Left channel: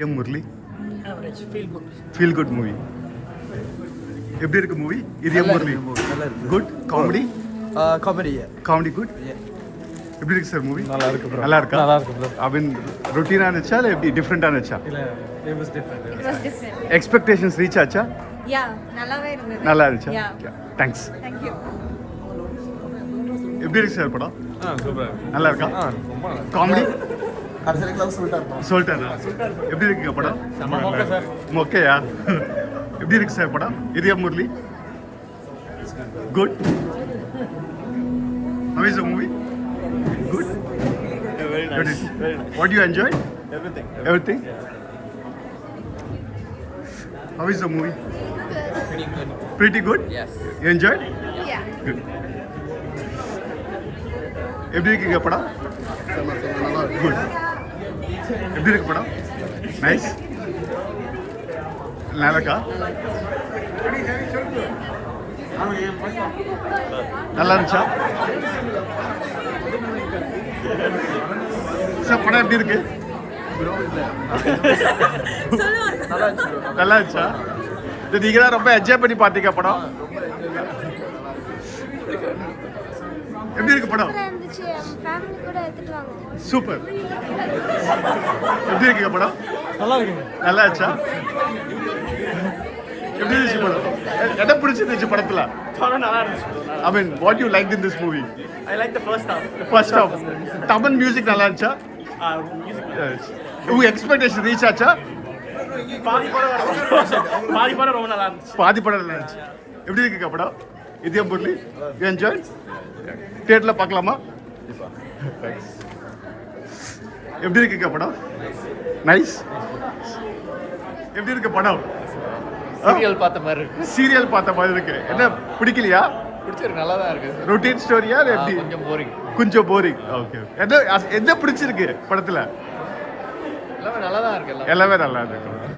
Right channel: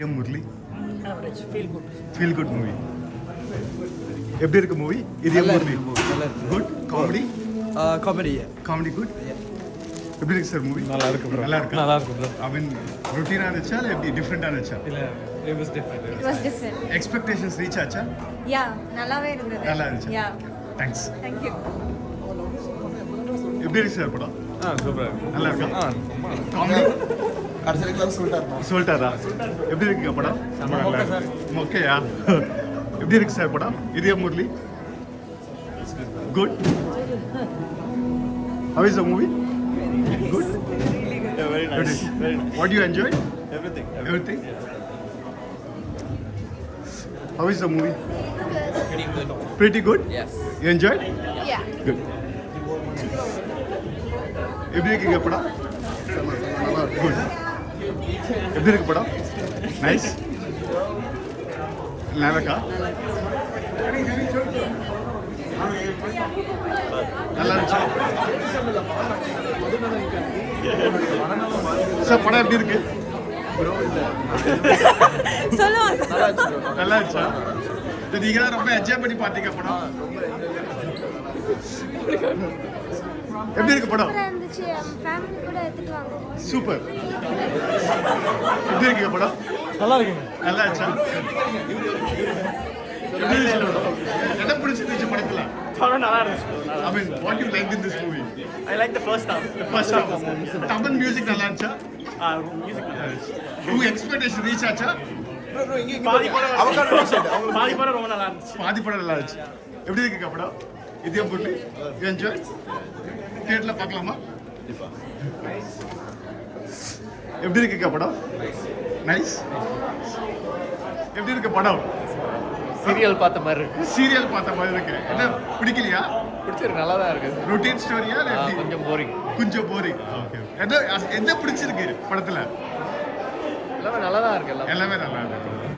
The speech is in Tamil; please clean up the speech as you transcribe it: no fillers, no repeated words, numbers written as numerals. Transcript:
M Murali average feel good movie எப்படி இருக்கு மூவி இது M Murali good comedy comedy good எப்படி இருக்கு சார் மூவி நல்லா இருக்கு ப்ரோ நல்லா இருக்கா நல்லா இருக்கு ப்ரோ ஐ மீன் ரொட்டீனா இருந்துச்சா இல்லை எப்படி டிஃப்ரெண்டா இருந்துச்சா இல்ல it was different It was different. Expectations reach ஆச்சா Yeah, நல்லாவே இருந்தது. நல்லா இருந்துச்சா Yeah, தேங்க்ஸ் thank you. எப்படி இருக்கு சார் படம் சூப்பரா நல்லா இருக்கா ரொம்ப காமெடி கடைசில கிளாஸ் சொல்லிட்டாருமா சொல்லிட்டாரா எப்படி இருக்குங்க படம் ரொம்ப நல்லா இருக்கு ஓகேயா எப்படி இருக்கு சார் படம் இது M Murali good how is the movie good very what do you enjoy everything everything how is the movie pretty good yes you enjoyed Yeah. good எப்படி இருக்குங்க படம் நல்லா குட் எப்படி இருக்கு படம் நைஸ் நல்லாக்கா நல்லா இருந்துச்சா சார் படம் எப்படி இருக்கு ப்ரோ இல்ல சொல்லுங்க. நல்லா இருந்துச்சு ப்ரோ நல்லா இருந்துச்சா இது நீங்க தான் ரொம்ப என்ஜாய் பண்ணி பார்த்தீங்க படம் ரொம்ப என்ஜாய் எப்படி இருக்கு படம் சூப்பரா இருந்துச்சு ஃபேமிலி கூட எடுத்துட்டு வாங்க சூப்பர் எப்படி இருக்குங்க படம் நல்லா இருக்குங்க நல்லா இருந்துச்சா எப்படி இருந்துச்சு படம் என்ன பிடிச்சிருந்துச்சு படத்துல படம் நல்லா இருந்துச்சு bro. I mean what you like in this movie I like the first half. First half Tamil music நல்லா இருந்துச்சா Music. உங்க எக்ஸ்பெக்டேஷன் ரீச் ஆச்சா பாதி படம் ரொம்ப நல்லா இருந்துச்சு. பாதி படம் நல்லா இருந்துச்சு எப்படி இருக்குங்க படம் இதே பொருள் என்ஜாய் தியேட்டர்ல பார்க்கலாமா எப்படி இருக்குங்க படம் நைஸ் எப்படி இருக்கு படம் சீரியல் பார்த்த மாதிரி இருக்கு சீரியல் பார்த்த மாதிரி இருக்கு என்ன பிடிக்கலையா பிடிச்சிருக்கு நல்லா தான் இருக்கு ரொட்டீன் ஸ்டோரியா கொஞ்சம் போரிங் கொஞ்சம் போரிங் ஓகே என்ன என்ன பிடிச்சிருக்கு படத்துல எல்லாமே நல்லா தான் இருக்கு எல்லாமே நல்லா இருக்கு